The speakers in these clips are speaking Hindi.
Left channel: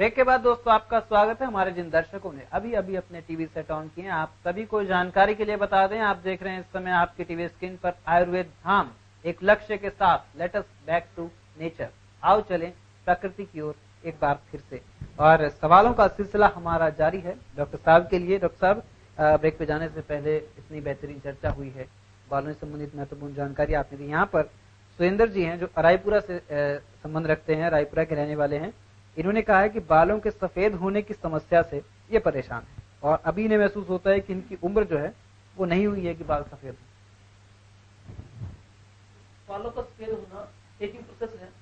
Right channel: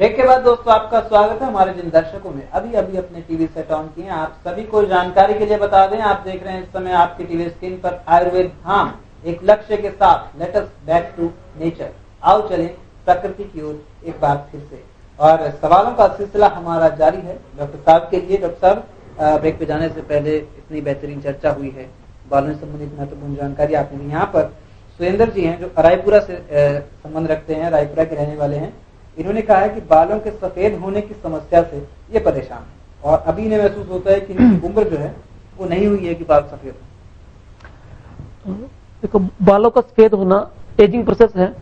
ब्रेक के बाद दोस्तों आपका स्वागत है। हमारे जिन दर्शकों ने अभी अभी अपने टीवी सेट ऑन किए हैं, आप सभी को जानकारी के लिए बता दें, आप देख रहे हैं इस समय आपकी टीवी स्क्रीन पर आयुर्वेद धाम, एक लक्ष्य के साथ let us back to nature. आओ चलें प्रकृति की ओर एक बार फिर से। और सवालों का सिलसिला हमारा जारी है डॉक्टर साहब के लिए। डॉक्टर साहब, ब्रेक पे जाने से पहले इतनी बेहतरीन चर्चा हुई है, बालों से संबंधित महत्वपूर्ण जानकारी आपने दी। यहाँ पर सुरेंद्र जी हैं जो रायपुरा से संबंध रखते हैं, रायपुरा के रहने वाले हैं। इन्होंने कहा है कि बालों के सफेद होने की समस्या से ये परेशान है और अभी इन्हें महसूस होता है कि इनकी उम्र जो है वो नहीं हुई है कि बाल सफेद हो। देखो, बालों का सफेद होना एजिंग प्रोसेस है,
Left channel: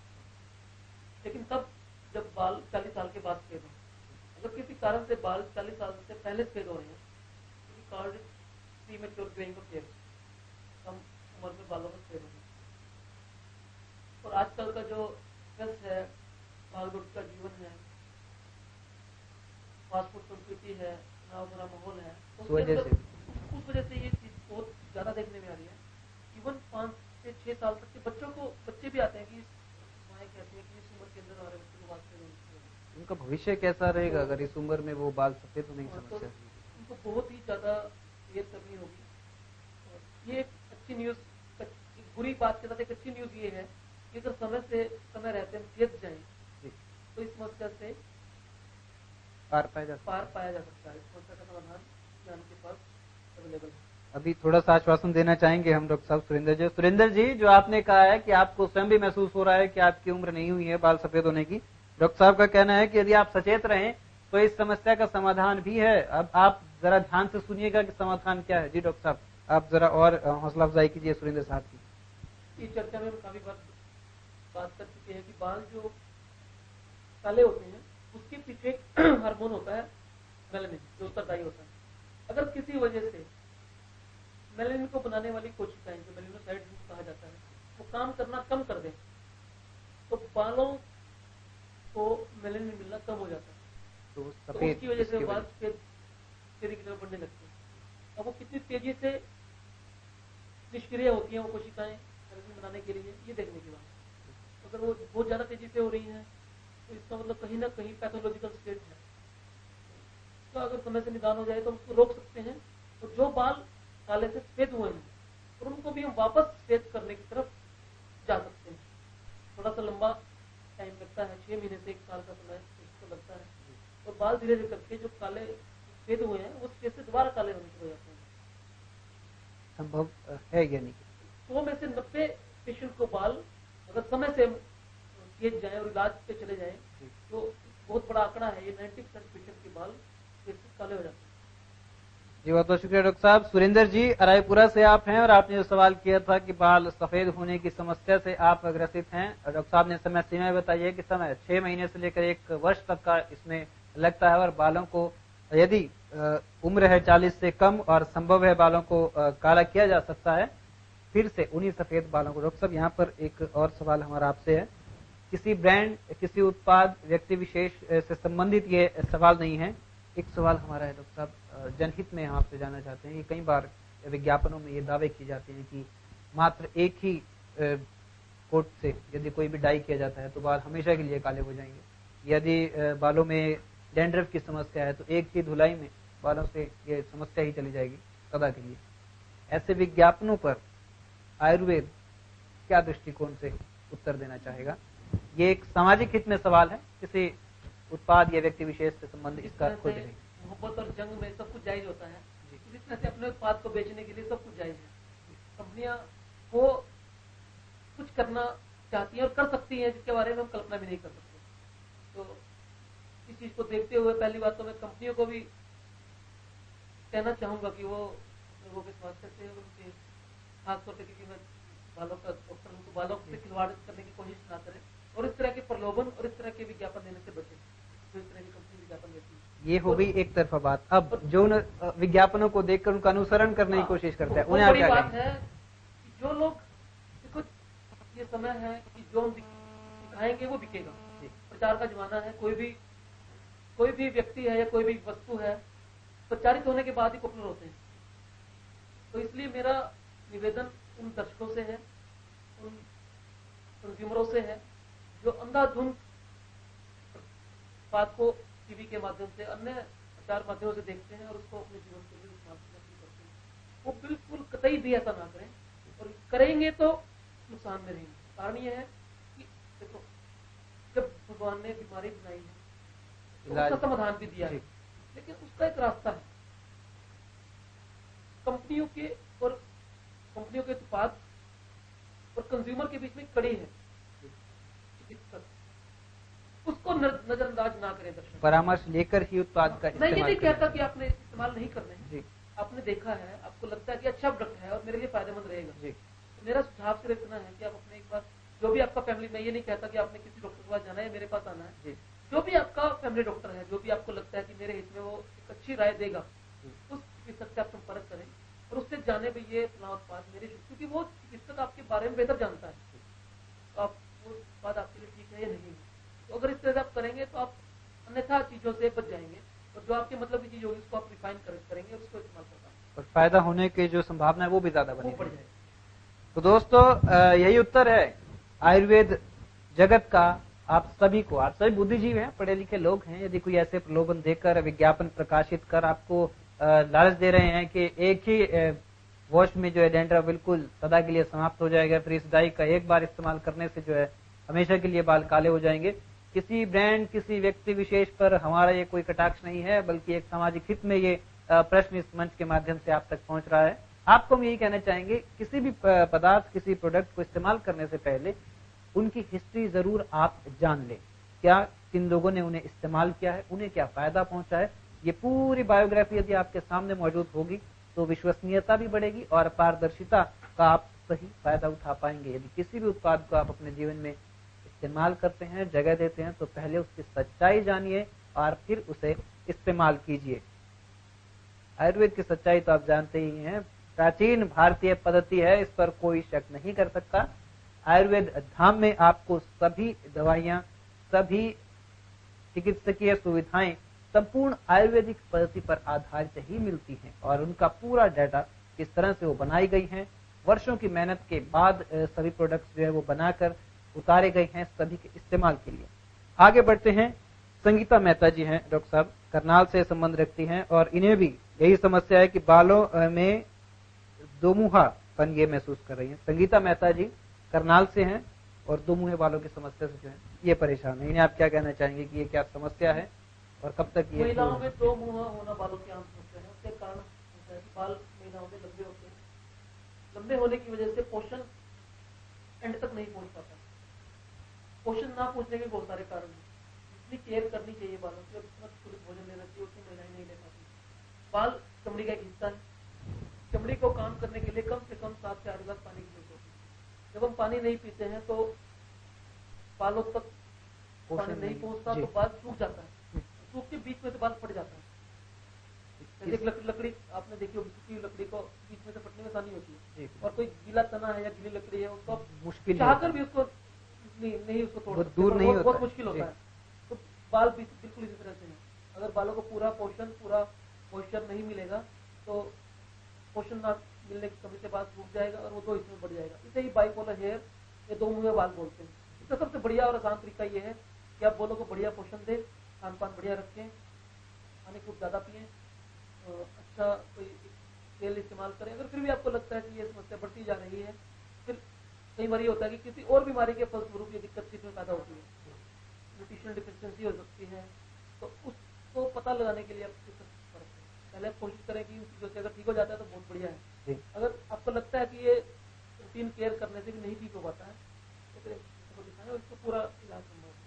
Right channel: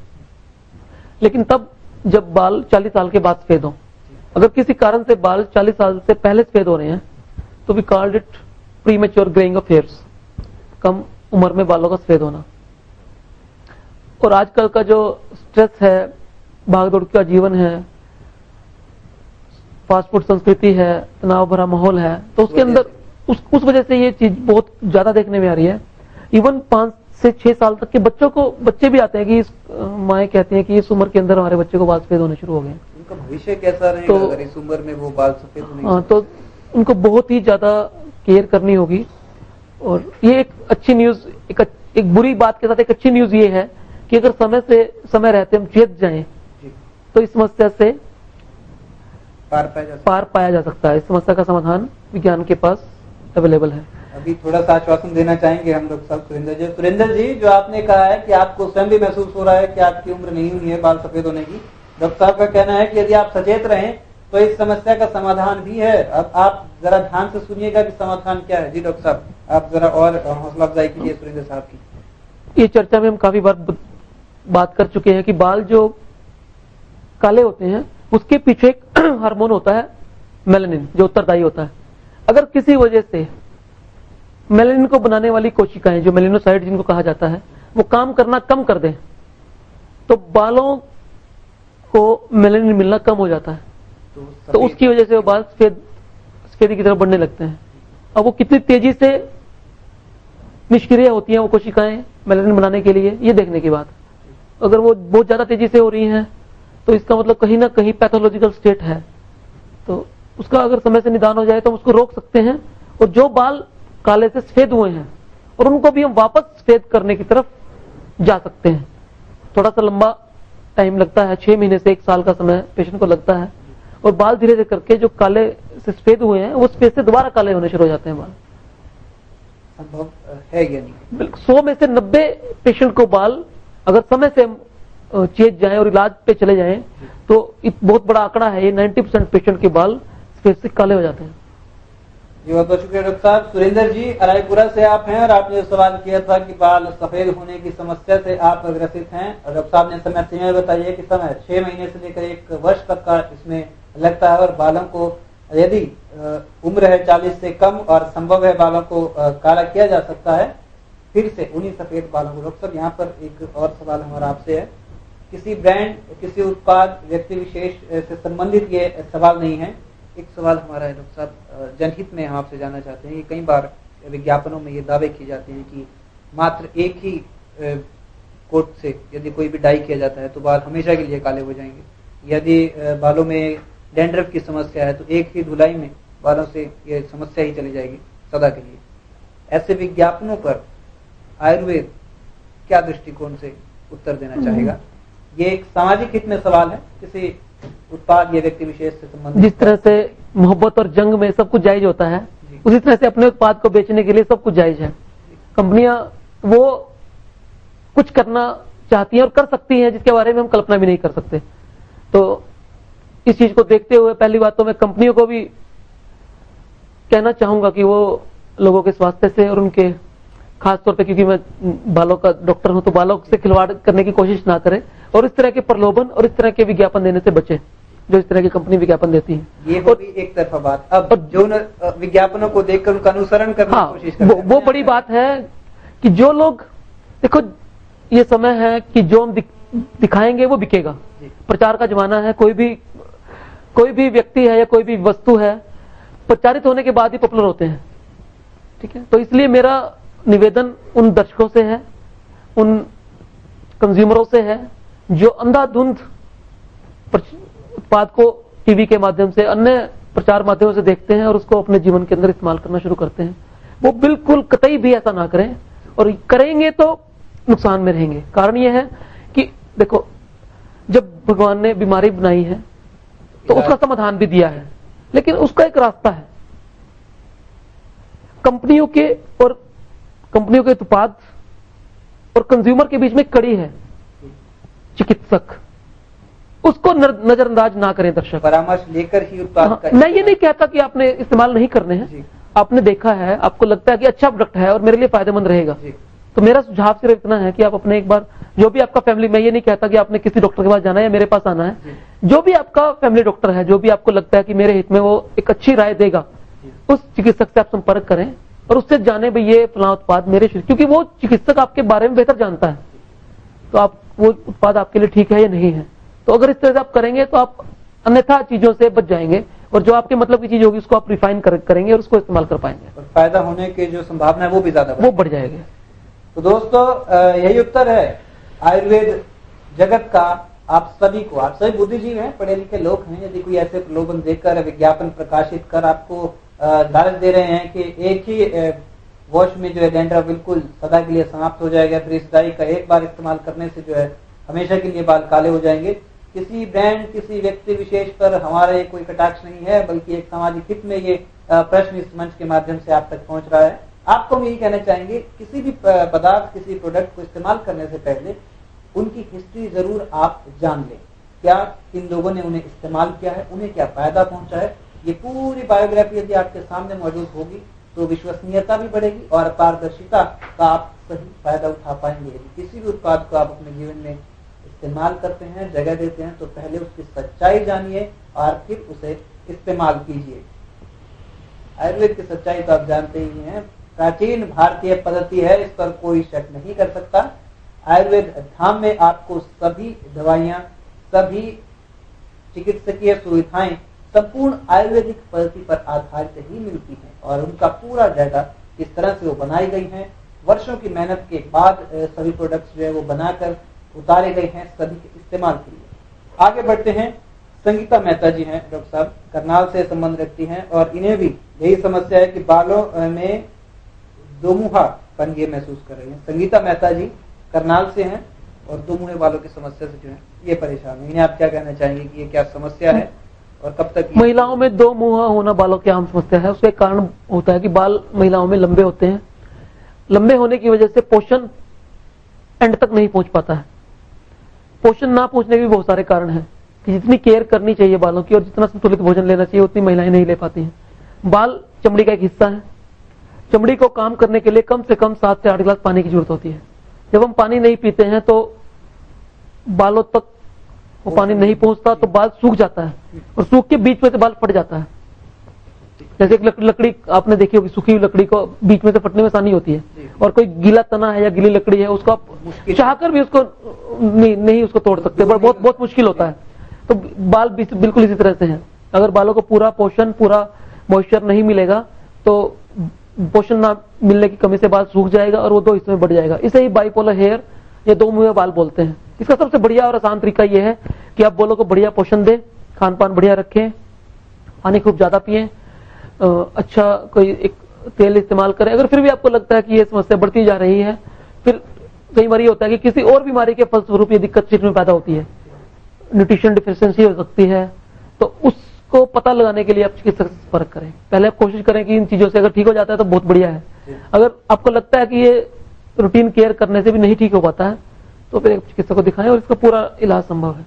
लेकिन तब जब बाल 40 साल के बाद सफेद हो। अगर किसी कारण से बाल 40 साल से पहले सफेद हो रहे हैं तो we called it premature greying of hairs, कम उम्र में बालों का सफेद होना। और आजकल का जो स्ट्रेस है, भागदौड़ का जीवन है, फास्ट फूड संस्कृति है, तनाव भरा माहौल है, तो उसके अंदर उस वजह से ये चीज बहुत ज्यादा देखने में आ रही है। इवन 5 से 6 साल तक के बच्चे भी आते हैं कि माएँ कहती हैं कि इस उम्र के अंदर हमारे बच्चे को बाल सफेद होने शुरू हो गए। उनका भविष्य कैसा रहेगा अगर इस उम्र में वो बाल सफेद होने? हाँ, तो उनको बहुत ही ज्यादा केयर करनी होगी। और ये एक अच्छी न्यूज, एक बुरी बात के साथ एक अच्छी न्यूज ये है कि अगर समय रहते हम चेत जाएं तो इस समस्या से पार पाया जा सकता है। इस समस्या का समाधान विज्ञान के पास अवेलेबल है। अभी थोड़ा सा आश्वासन देना चाहेंगे हम लोग सब सुरेंद्र जी, जो आपने कहा है कि आपको स्वयं भी महसूस हो रहा है कि आपकी उम्र नहीं हुई है बाल सफेद होने की। डॉक्टर साहब का कहना है कि यदि आप सचेत रहें तो इस समस्या का समाधान भी है। अब आप जरा ध्यान से सुनिएगा कि समाधान क्या है। जी डॉक्टर साहब, आप जरा और हौसला अफजाई कीजिए सुरेंद्र साहब की। ये चर्चा में हम काफी बार बात कर चुके हैं कि बाल जो काले होते हैं उसके पीछे एक हार्मोन होता है मेलानिन, जो उत्तरदायी होता है। अगर किसी वजह से मेलानिन को बनाने वाली कोशिकाएं, जो मेलानोसाइट जिनको कहा जाता है, वो काम करना कम कर दें तो बालों को मेलानिन मिलना कम हो जाता है। तो उसकी वजह से वो बाल सफेदी की तरफ बढ़ने लगते हैं। अब वो कितनी तेजी से निष्क्रिय होती हैं वो कोशिकाएं मेलानिन बनाने के लिए, ये देखने की बात। अगर वो बहुत ज्यादा तेजी से हो रही हैं तो इसका मतलब कहीं ना कहीं पैथोलॉजिकल स्टेट है। तो उसका अगर समय से निदान हो जाए तो हम उसको रोक सकते हैं। और जो बाल काले से सफेद हुए हैं और उनको भी हम वापस सफेद करने की तरफ जा सकते हैं। थोड़ा सा लंबा टाइम लगता है, 6 महीने से 1 साल का समय पेशेंट को लगता है। और बाल धीरे धीरे करके जो काले से सफेद हुए हैं वो सफेद से दोबारा काले होने शुरू हो जाते हैं। बाल संभव है या नहीं? 100 में से 90 पेशेंट को बाल अगर समय से चेत जाए और इलाज पे चले जाएं तो बहुत बड़ा आंकड़ा है ये, 90% पेशेंट के बाल सफेद से काले हो जाते हैं। जी बहुत बहुत शुक्रिया डॉक्टर साहब। सुरेंद्र जी, रायपुरा से आप हैं और आपने जो सवाल किया था कि बाल सफेद होने की समस्या से आप ग्रसित हैं। डॉक्टर साहब ने समय सीमा बताई कि समय 6 महीने से लेकर 1 वर्ष तक का इसमें लगता है। और बालों को यदि उम्र है 40 से कम और संभव है बालों को काला किया जा सकता है फिर से उन्हीं सफेद बालों को। डॉक्टर साहब, यहाँ पर एक और सवाल हमारा आपसे है। किसी ब्रांड, किसी उत्पाद, व्यक्ति विशेष से संबंधित ये सवाल नहीं है। एक सवाल हमारा है डॉक्टर साहब, जनहित में हम आपसे जानना चाहते हैं कि कई बार विज्ञापनों में ये दावे किए जाते हैं कि मात्र एक ही कोट से यदि कोई भी डाई किया जाता है तो बाल हमेशा के लिए काले हो जाएंगे। यदि बालों में डैंड्रफ की समस्या है तो एक ही धुलाई में बालों से ये समस्या ही चली जाएगी सदा के लिए। ऐसे विज्ञापनों पर आयुर्वेद क्या दृष्टिकोण से उत्तर देना चाहेगा? ये एक सामाजिक हित में सवाल है, किसी उत्पाद या व्यक्ति विशेष से संबंधित। जिस तरह से मोहब्बत और जंग में सब कुछ जायज होता है, उसी तरह से अपने उत्पाद को बेचने के लिए सब कुछ जायज है। कंपनियां वो कुछ करना चाहती हैं और कर सकती हैं जिसके बारे में हम कल्पना भी नहीं कर सकते। तो इस चीज को देखते हुए पहली बात तो मैं कंपनियों को भी कहना चाहूंगा कि वो लोगों के स्वास्थ्य से और उनके खास तौर पे, क्योंकि मैं बालों का डॉक्टर हूं, तो बालों से खिलवाड़ करने की कोशिश ना करें और इस तरह के प्रलोभन और इस तरह के विज्ञापन देने से बचें जो इस तरह की कंपनी विज्ञापन देती है। ये हो भी एक तरफा बात। अब जो विज्ञापनों को देखकर उनका अनुसरण करने की कोशिश करते हैं, वो बड़ी बात है कि जो लोग, देखो ये समय है कि जो हम दिखाएंगे वो बिकेगा। प्रचार का जमाना है। कोई भी व्यक्ति है या कोई भी वस्तु है, प्रचारित होने के बाद ही पॉपुलर होते हैं। ठीक है, तो इसलिए मेरा निवेदन उन दर्शकों से है, उन कंज्यूमरों से है जो अंधाधुंध उत्पाद को टीवी के माध्यम से, अन्य प्रचार माध्यमों से देखते हैं और उसको अपने जीवन के अंदर इस्तेमाल करना शुरू करते हैं, वो बिल्कुल कतई भी ऐसा ना करें, और करेंगे तो नुकसान में रहेंगे। कारण यह है कि देखो, जब भगवान ने बीमारी बनाई है तो उसका समाधान भी दिया है, लेकिन उसका एक रास्ता है। कंपनियों के उत्पाद और कंज्यूमर के बीच में कड़ी है, चिकित्सक, उसको नजरअंदाज ना करें। दर्शक परामर्श लेकर ही उत्पाद का, मैं ये नहीं कहता कि आपने इस्तेमाल नहीं करने हैं, आपने देखा है, आपको लगता है कि अच्छा प्रोडक्ट है और मेरे लिए फायदेमंद रहेगा, तो मेरा सुझाव सिर्फ इतना है कि आप अपने एक बार, जो भी आपका फैमिली, मैं ये नहीं कहता कि आपने किसी डॉक्टर के पास जाना है या मेरे पास आना है, जो भी आपका फैमिली डॉक्टर है, जो भी आपको लगता है कि मेरे हित में वो एक अच्छी राय देगा, उस चिकित्सक से आप संपर्क करें और उससे जाने भाई ये फलां उत्पाद मेरे शरीर, क्योंकि वो चिकित्सक आपके बारे में बेहतर जानता है, तो आप वो उत्पाद आपके लिए ठीक है या नहीं है। तो अगर इस तरह से आप करेंगे तो आप अन्यथा चीजों से बच जाएंगे, और जो आपके मतलब की चीज होगी उसको आप रिफाइन करेंगे और उसको इस्तेमाल कर पाएंगे, और फायदा होने की जो संभावना है वो भी ज्यादा वो बढ़ जाएगी। तो दोस्तों, यही उत्तर है आयुर्वेद जगत का। आप सभी को, आप सभी बुद्धिजीवी हैं, पढ़े लिखे लोग हैं, यदि कोई ऐसे प्रलोभन देकर, विज्ञापन प्रकाशित कर आपको लालच दे रहे हैं कि एक ही वॉश में जो है डैंड्रफ बिल्कुल सदा के लिए समाप्त हो जाएगा, फिर इस डाई का एक बार इस्तेमाल करने से जो है हमेशा के लिए बाल काले हो जाएंगे, किसी ब्रांड, किसी व्यक्ति विशेष पर हमारा ये कोई कटाक्ष नहीं है, बल्कि एक सामाजिक हित में ये प्रश्न इस मंच के माध्यम से आप तक पहुंच रहा है। आपको हम यही कहना चाहेंगे, किसी भी पदार्थ, किसी प्रोडक्ट को इस्तेमाल करने से पहले उनकी हिस्ट्री जरूर आप जान लें। क्या किन लोगों ने उन्हें इस्तेमाल किया है, उन्हें क्या फायदा पहुंचा है, ये पूरी बायोग्राफी यदि आपके सामने मौजूद होगी तो विश्वसनीयता भी बढ़ेगी और पारदर्शिता का आप सही फायदा उठा पाएंगे। यदि किसी भी उत्पाद को आप अपने जीवन में इस्तेमाल करते हैं, जगह देते हैं, तो पहले उसकी सच्चाई जानिए और फिर उसे इस्तेमाल कीजिए। आयुर्वेद की सच्चाई तो आप जानते ही हैं, प्राचीन भारतीय पद्धति है, इस पर कोई शक नहीं कर सकता। आयुर्वेद धाम में आपको सभी दवाइयां, सभी चिकित्सकीय सुविधाएं संपूर्ण आयुर्वेदिक पद्धति पर आधारित ही मिलती हैं, और उनका पूरा डाटा किस तरह से वो बनाई गई है, वर्षों की मेहनत के बाद सभी प्रोडक्ट्स जो है वो बनाकर उतारे गए हैं सभी के इस्तेमाल के लिए। आगे बढ़ते हैं। संगीता मेहता जी हैं, डॉक्टर साहब, करनाल से संबंध रखती हैं, और इन्हें भी यही समस्या है कि बालों में दोमुहापन ये महसूस कर रही है। संगीता मेहता जी करनाल से हैं और दोमुहे बालों की समस्या से जो है ये परेशान है। इन्हें आप क्या कहना चाहेंगे कि ये क्या समस्या है और कब तक? महिलाओं में दो मुहा होना बालों की आम समस्या है। उसका कारण होता है कि बाल महिलाओं में लंबे होते हैं, लंबे होने की वजह से पोषण एंड तक नहीं पहुंच पाता है। पोषण ना पहुंचने के भी बहुत सारे कारण हैं कि जितनी केयर करनी चाहिए बालों की और जितना संतुलित भोजन लेना चाहिए उतनी महिलाएं नहीं ले पाती हैं। बाल चमड़ी का एक हिस्सा है, चमड़ी को काम करने के लिए कम से कम 7 से 8 गिलास पानी की जरूरत होती है। जब हम पानी नहीं पीते हैं तो बालों तक वो पानी नहीं पहुंचता, तो बाल सूख जाता है और सूख के बीच में से बाल फट जाता है। जैसे एक लकड़ी आपने देखी होगी, सूखी हुई लकड़ी को बीच में से फटने में आसानी होती है, और कोई गीला तना है या गीली लकड़ी है उसको आप चाहकर भी उसको नहीं उसको तोड़ सकते, बहुत मुश्किल होता है। तो बाल बिल्कुल इसी तरह से हैं। अगर बालों को पूरा पोषण, पूरा मॉइस्चर नहीं मिलेगा तो पोषण ना मिलने की कमी से बाल सूख जाएगा और वो दो हिस्सों में बढ़ जाएगा। इसे ही बाइपोलर हेयर या दो मुंहे बाल बोलते हैं। इसका सबसे बढ़िया और आसान तरीका यह है कि आप बालों को बढ़िया पोषण दें, खान पान बढ़िया रखें, पानी खूब ज्यादा पिए, अच्छा कोई एक तेल इस्तेमाल करें। अगर फिर भी आपको लगता है कि ये समस्या बढ़ती जा रही है, फिर कई बार ये होता है कि किसी और बीमारी के फलस्वरूप ये दिक्कत शरीर में पैदा होती है, न्यूट्रिशन डिफिशिएंसी हो सकती है, तो उसको पता लगाने के लिए आप चिकित्सक से संपर्क करें। पहले आप कोशिश करें कि इन चीजों से अगर ठीक हो जाता है तो बहुत बढ़िया है। अगर आपको लगता है कि ये रूटीन केयर करने से भी नहीं ठीक हो पाता है तो फिर एक चिकित्सक को दिखाएं और इसका पूरा इलाज संभव है।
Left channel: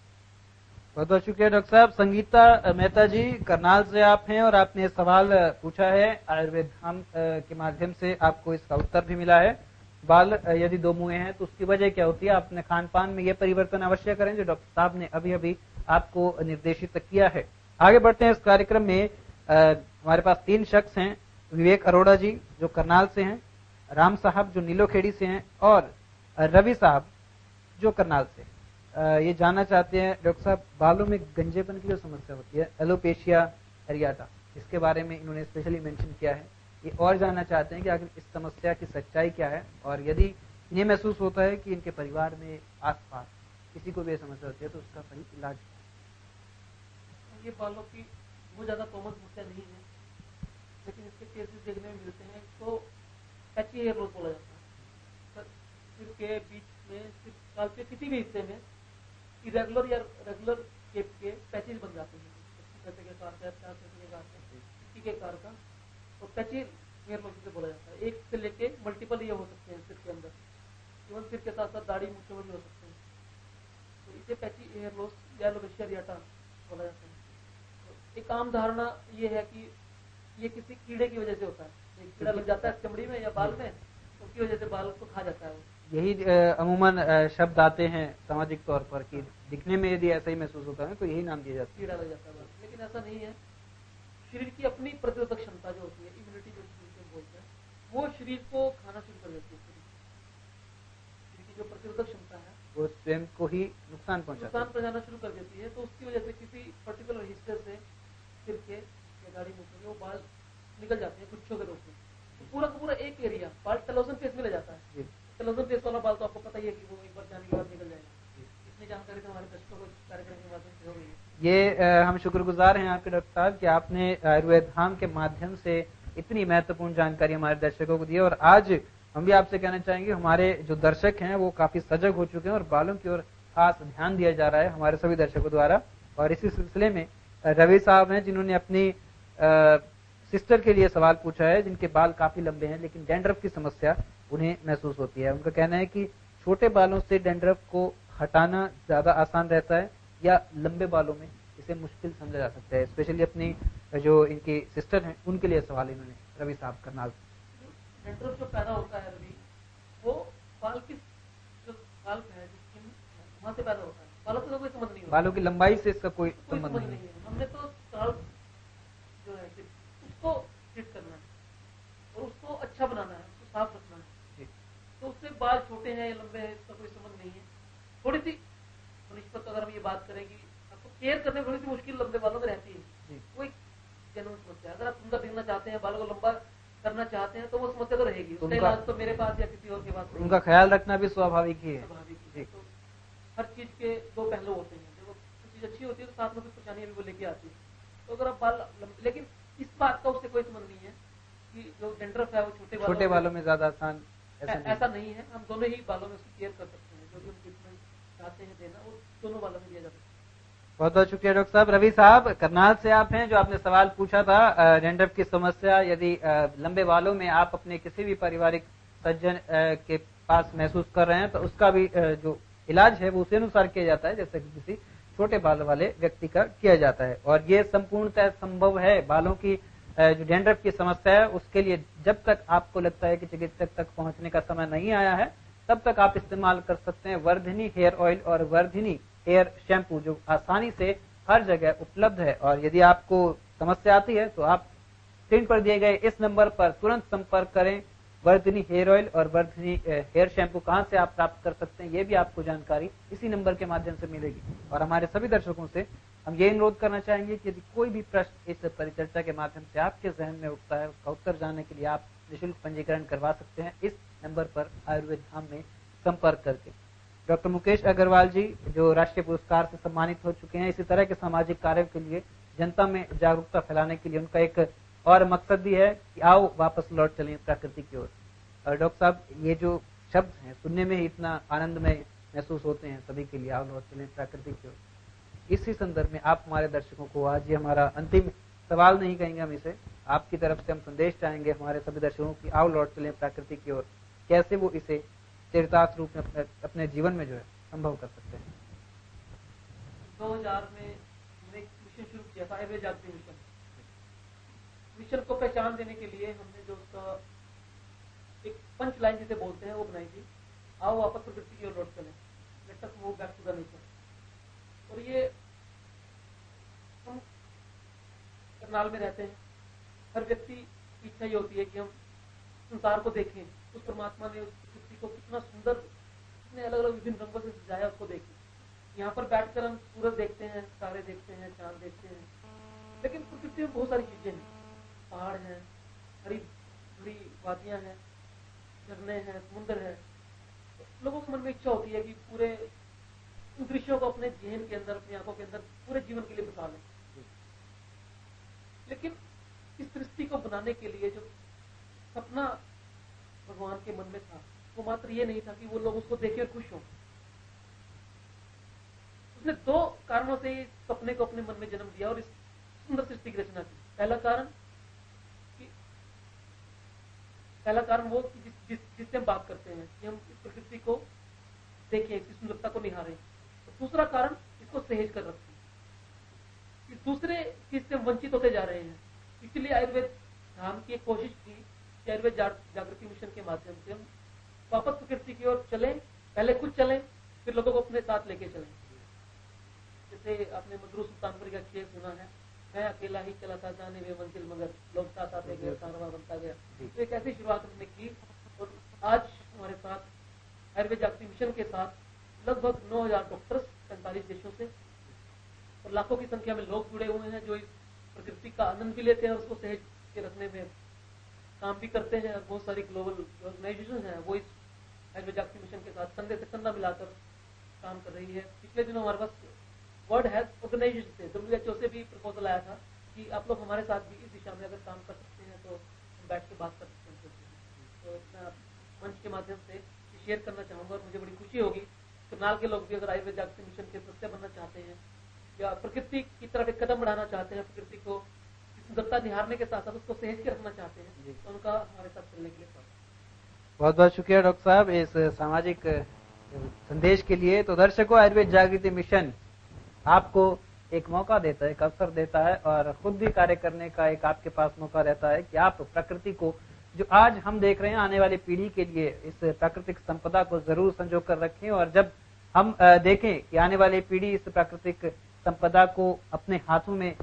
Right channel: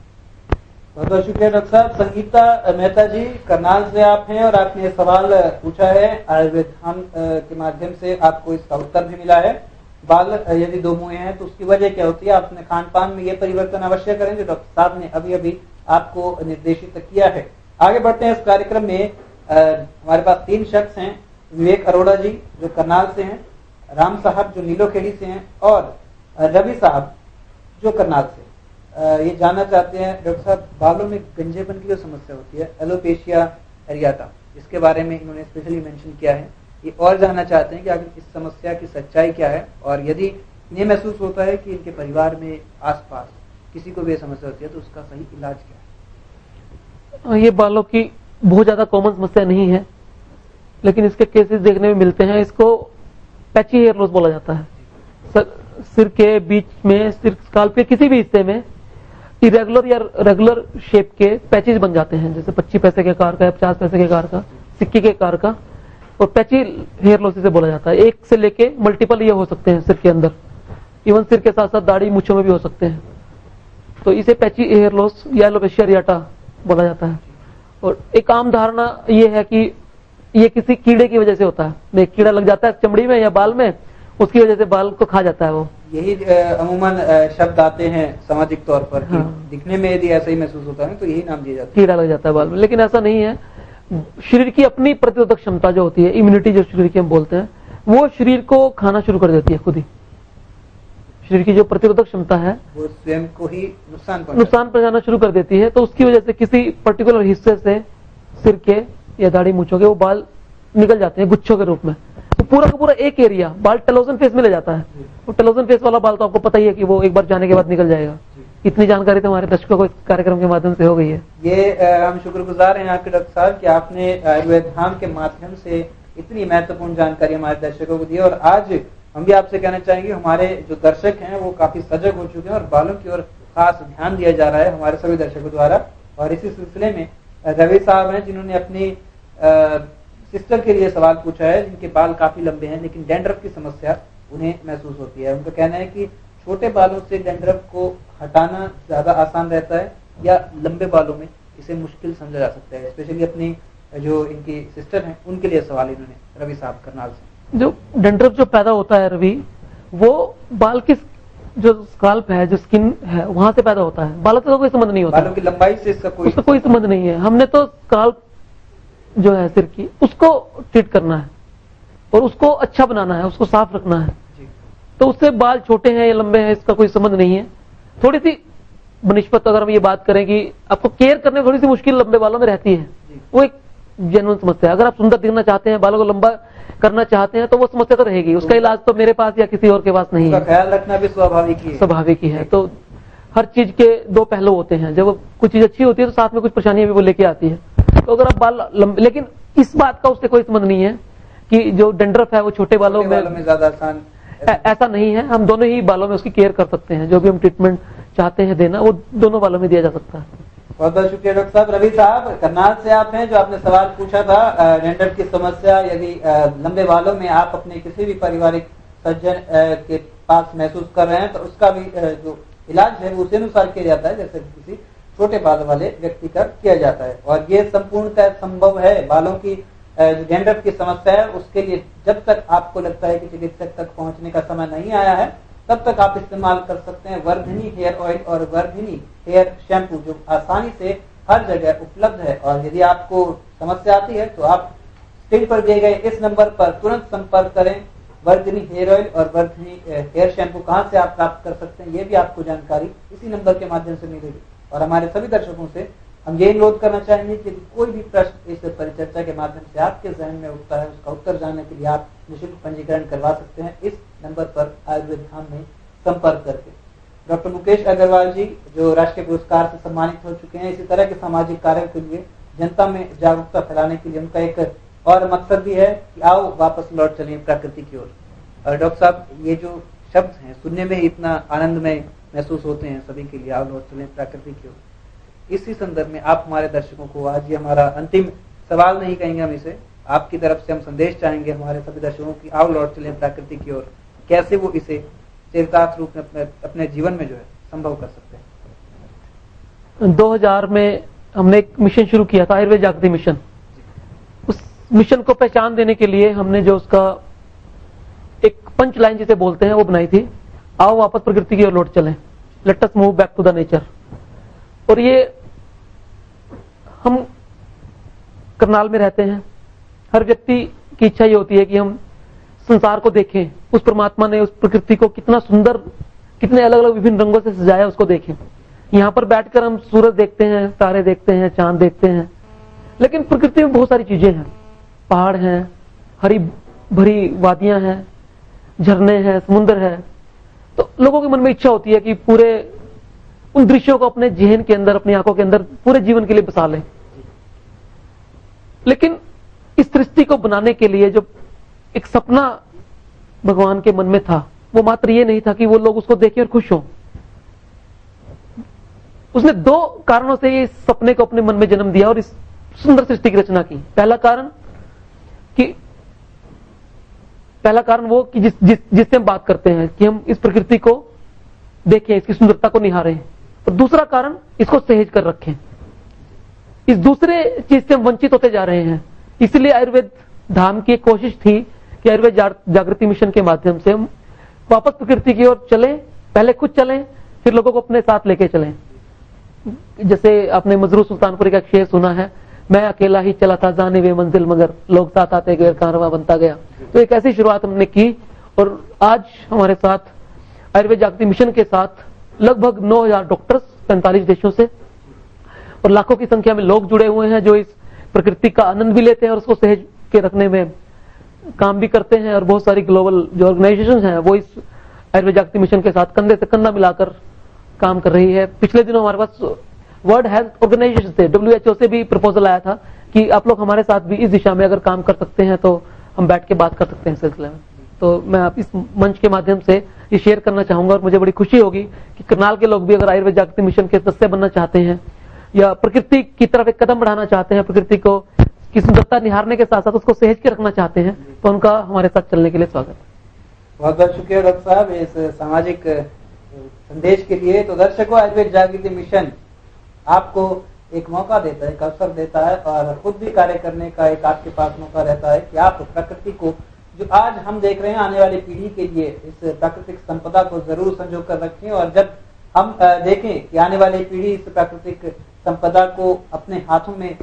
बहुत बहुत शुक्रिया डॉक्टर साहब। संगीता मेहता जी, करनाल से आप हैं और आपने सवाल पूछा है आयुर्वेद धाम के माध्यम से, आपको इसका उत्तर भी मिला है। बाल यदि दो मुंहे हैं तो उसकी वजह क्या होती है? आप अपने खान पान में ये परिवर्तन अवश्य करें जो डॉक्टर साहब ने अभी अभी आपको निर्देशित किया है। आगे बढ़ते हैं इस कार्यक्रम में। हमारे पास 3 शख्स हैं, विवेक अरोड़ा जी जो करनाल से हैं, राम साहब जो नीलोखेड़ी से हैं, और रवि साहब जो करनाल से। ये जानना चाहते हैं डॉक्टर साहब, बालों में गंजेपन की जो समस्या होती है, एलोपेशिया एरियाटा, इसके बारे में इन्होंने स्पेशली मेंशन किया है। ये और जानना चाहते हैं कि आखिर इस समस्या की सच्चाई क्या है, और यदि इन्हें महसूस होता है कि इनके परिवार में आसपास किसी को भी समस्या होती है तो उसका सही इलाज क्या ये बालों की बहुत ज्यादा कॉमन समस्या नहीं है, लेकिन इसके केसेस देखने में मिलते हैं। इसको पैची हेयर लॉस बोला जाता है। सिर के बीच में, सिर स्काल्प के किसी भी हिस्से में इरेगुलर या रेगुलर शेप के पैचेज बन जाते हैं, जैसे 25 पैसे के आकार का या 50 पैसे के आकार का, सिक्के के आकार का, और पैची हेयर लॉस इसे बोला जाता है। एक से लेके मल्टीपल ये हो सकते हैं सिर के अंदर, इवन सिर के साथ साथ दाढ़ी मूंछों में भी हो सकते हैं। तो इसे पैची हेयर लॉस या एलोपेशिया एरियाटा बोला जाता है। और एक आम धारणा ये है कि ये किसी कीड़े की वजह से होता है, कीड़ा लग जाता है चमड़ी में या बाल में, उसकी वजह से बाल को खा जाता है वो। यही अमूमन शब्द आते हैं सामाजिक तौर पर कि दिखने में यदि ऐसा ही महसूस होता है तो यही नाम दिया जाता है, कीड़ा लग जाता है बाल में। लेकिन ऐसा नहीं है। शरीर की अपनी प्रतिरोधक क्षमता जो होती है, इम्यूनिटी जो शरीर की हम बोलते हैं, वो शरीर को खाना शुरू कर देती है खुद ही। शरीर की जो प्रतिरोधक क्षमता है वो स्वयं को ही नुकसान पहुंचाना शुरू कर देती है। तो उसकी वजह से किसी पर्टिकुलर हिस्से से सिर के या दाढ़ी मूंछों के वो बाल निकल जाते हैं गुच्छों के रूप में। तो पूरा का पूरा एक एरिया बाल टेलोजन फेस में ले जाता है। वो टेलोजन फेस वाला बाल तो आपको पता ही है कि वो एक बार जाने के बाद निकल जाएगा। इतनी जानकारी तो हमारे दर्शकों को इस कार्यक्रम के माध्यम से हो गई है। ये हम शुक्रगुजार हैं आपके डॉक्टर साहब कि आपने आयुर्वेद धाम के माध्यम से इतनी महत्वपूर्ण जानकारी हमारे दर्शकों को दी। और आज हम भी आपसे कहना चाहेंगे, हमारे जो दर्शक हैं वो काफी सजग हो चुके हैं और बालों की ओर खास ध्यान दिया जा रहा है हमारे सभी दर्शकों द्वारा। और इसी सिलसिले में रवि साहब हैं जिन्होंने अपनी सिस्टर के लिए सवाल पूछा है, जिनके बाल काफी लंबे हैं लेकिन डैंड्रफ की समस्या उन्हें महसूस होती है। उनका कहना है कि छोटे बालों से डैंड्रफ को हटाना ज्यादा आसान रहता है या लंबे बालों में इसे मुश्किल समझा जा सकता है। स्पेशली अपनी जो इनकी सिस्टर हैं उनके लिए सवाल इन्होंने रवि साहब करनाल से। जो डैंड्रफ जो पैदा होता है रवि, वो बाल की जो स्काल्प है, जो स्किन है, वहां से पैदा होता है। बालों से तो कोई संबंध नहीं होता, बालों की लंबाई से इसका कोई संबंध नहीं है। हमने तो स्काल्प जो है सिर की, उसको ट्रीट करना है और उसको अच्छा बनाना है, उसको साफ रखना है। तो उससे बाल छोटे हैं या लंबे हैं इसका कोई संबंध नहीं है। थोड़ी सी बनिस्बत अगर हम ये बात करें कि आपको केयर करने में थोड़ी सी मुश्किल लंबे बालों में रहती है, वो एक जेन्युइन समस्या है। अगर आप सुंदर दिखना चाहते हैं, बालों को लंबा करना चाहते हैं, तो वो समस्या तो रहेगी। उसका इलाज तो मेरे पास या किसी और के पास नहीं है। ख्याल रखना भी स्वाभाविक ही है। तो हर चीज के दो पहलू होते हैं। जब कुछ चीज अच्छी होती है तो साथ में कुछ परेशानियां भी वो लेके आती है। तो अगर आप बाल लंबे, लेकिन इस बात का उससे कोई संबंध नहीं है कि जो डैंड्रफ है वो छोटे बालों में ज्यादा आसान, ऐसा नहीं है। हम दोनों ही बालों में उसकी केयर कर सकते हैं। जो भी हम ट्रीटमेंट चाहते हैं देना, वो दोनों बालों में दिया जा सकता है। बहुत बहुत शुक्रिया डॉक्टर साहब। रवि साहब करनाल से आप हैं, जो आपने सवाल पूछा था डैंड्रफ की समस्या यदि लंबे बालों में आप अपने किसी भी पारिवारिक सज्जन के पास महसूस कर रहे हैं तो उसका भी जो इलाज है वो उसी अनुसार किया जाता है जैसे किसी छोटे बाल वाले व्यक्ति का किया जाता है। और ये संपूर्णतः संभव है। बालों की जो डैंड्रफ की समस्या है उसके लिए जब तक आपको लगता है कि चिकित्सक तक पहुंचने का समय नहीं आया है, तब तक आप इस्तेमाल कर सकते हैं वर्धिनी हेयर ऑयल और वर्धिनी हेयर शैम्पू, जो आसानी से हर जगह उपलब्ध है। और यदि आपको समस्या आती है तो आप स्क्रीन पर दिए गए इस नंबर पर तुरंत संपर्क करें। वर्धिनी हेयर ऑयल और वर्धिनी हेयर शैम्पू कहां से आप प्राप्त कर सकते हैं, ये भी आपको जानकारी इसी नंबर के माध्यम से मिलेगी। और हमारे सभी दर्शकों से हम ये अनुरोध करना चाहेंगे कि यदि कोई भी प्रश्न इस परिचर्चा के माध्यम से आपके जहन में उठता है, उसका उत्तर जानने के लिए आप निःशुल्क पंजीकरण करवा सकते हैं इस नंबर पर आयुर्वेद धाम में संपर्क करके। डॉक्टर मुकेश अग्रवाल जी, जो राष्ट्रीय पुरस्कार से सम्मानित हो चुके हैं, इसी तरह के सामाजिक कार्यों के लिए जनता में जागरूकता फैलाने के लिए उनका एक और मकसद भी है कि आओ वापस लौट चलें प्रकृति की ओर। और डॉक्टर साहब, ये जो शब्द हैं सुनने में इतना आनंदमय महसूस होते हैं सभी के लिए, आओ लौट चलें प्रकृति की ओर। इसी संदर्भ में आप हमारे दर्शकों को, आज ये हमारा अंतिम सवाल नहीं कहेंगे हम इसे, आपकी तरफ से हम संदेश चाहेंगे हमारे सभी दर्शकों की, आओ लौट चलें प्रकृति की ओर। कैसे वो इसे चरितार्थ रूप में अपने जीवन में जो है संभव कर सकते हैं। 2000 में हमने एक मिशन शुरू किया था, आयुर्वेद जागृति मिशन। उस मिशन को पहचान देने के लिए हमने जो उसका एक पंच लाइन जिसे बोलते हैं वो बनाई थी, आओ वापस प्रकृति की ओर लौट चलें, let us move back to the nature. और ये हम करनाल में रहते हैं, हर व्यक्ति की इच्छा ये होती है कि हम संसार को देखें, उस परमात्मा ने उस प्रकृति को कितना सुंदर, कितने अलग अलग विभिन्न रंगों से सजाया उसको देखें। यहाँ पर बैठकर हम सूरज देखते हैं, तारे देखते हैं, चांद देखते हैं, लेकिन प्रकृति में बहुत सारी चीजें हैं, पहाड़ हैं, हरी भरी वादियां हैं, झरने हैं, समुद्र है। तो लोगों के मन में इच्छा होती है कि पूरे उन दृश्यों को अपने जहन के अंदर, अपनी आंखों के अंदर पूरे जीवन के लिए बसा लें। लेकिन इस सृष्टि को बनाने के लिए जो एक सपना भगवान के मन में था, वो मात्र ये नहीं था कि वो लोग उसको देखें और खुश हों। उसने दो कारणों से ये सपने को अपने मन में जन्म दिया और इस सुंदर सृष्टि की रचना की। पहला कारण वो कि जिससे हम बात करते हैं कि हम इस प्रकृति को देखें, इसकी सुंदरता को निहारें। और दूसरा कारण, इसको सहेज कर रखें। इस दूसरे चीज से हम वंचित होते जा रहे हैं। इसलिए आयुर्वेद धाम की एक कोशिश थी कि आयुर्वेद जागृति मिशन के माध्यम से हम वापस प्रकृति की ओर चलें, पहले खुद चलें, फिर लोगों को अपने साथ लेके चलें। जैसे आपने मजरू सुल्तानपुरी का एक शेर सुना है, मैं अकेला ही चला था जाने वे मंजिल, मगर लोग साथ आते गए, कारवां बनता गया। तो एक ऐसी शुरुआत हमने की और आज हमारे साथ आयुर्वेद जागृति मिशन के साथ लगभग 9000 डॉक्टर्स 45 देशों से और लाखों की संख्या में लोग जुड़े हुए हैं, जो इस प्रकृति का आनंद भी लेते हैं और उसको सहेज के रखने में काम भी करते हैं। और बहुत सारी ग्लोबल जो ऑर्गेनाइजेशन हैं वो इस आयुर्वेद जागृति मिशन के साथ कंधे से कंधा मिलाकर काम कर रही है। पिछले दिनों हमारे पास वर्ल्ड हेल्थ ऑर्गेनाइजेशन से, WHO से भी प्रपोजल आया था कि आप लोग हमारे साथ भी इस दिशा में अगर काम कर सकते हैं तो हम बैठ के बात कर सकते हैं इस सिलसिले में। तो मैं आप इस मंच के माध्यम से ये शेयर करना चाहूंगा और मुझे बड़ी खुशी होगी कि करनाल के लोग भी अगर आयुर्वेद जागृति मिशन के सदस्य बनना चाहते हैं या प्रकृति की तरफ एक कदम बढ़ाना चाहते हैं, प्रकृति को की सुंदरता निहारने के साथ साथ उसको सहेज के रखना चाहते हैं, तो उनका हमारे साथ चलने के लिए स्वागत। बहुत बहुत शुक्रिया डॉक्टर साहब इस सामाजिक संदेश के लिए। तो दर्शकों, आयुर्वेद जागृति मिशन आपको एक मौका देता है, एक अवसर देता है और खुद भी कार्य करने का एक आपके पास मौका रहता है कि आप प्रकृति को, जो आज हम देख रहे हैं, आने वाली पीढ़ी के लिए इस प्राकृतिक संपदा को जरूर संजो कर रखें। और जब हम देखें कि आने वाली पीढ़ी इस प्राकृतिक संपदा को अपने हाथों में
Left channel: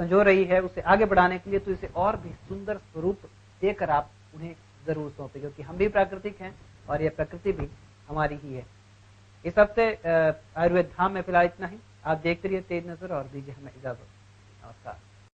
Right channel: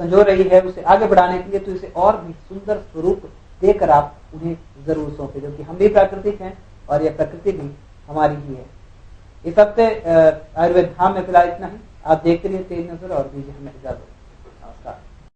संजो रही है, उसे आगे बढ़ाने के लिए, तो इसे और भी सुंदर स्वरूप देकर आप उन्हें जरूर सौंपे, क्योंकि हम भी प्राकृतिक हैं और यह प्रकृति भी हमारी ही है। इस हफ्ते आयुर्वेद धाम में फिलहाल इतना ही। आप देखते रहिए तेज नजर और दीजिए हमें इजाजत।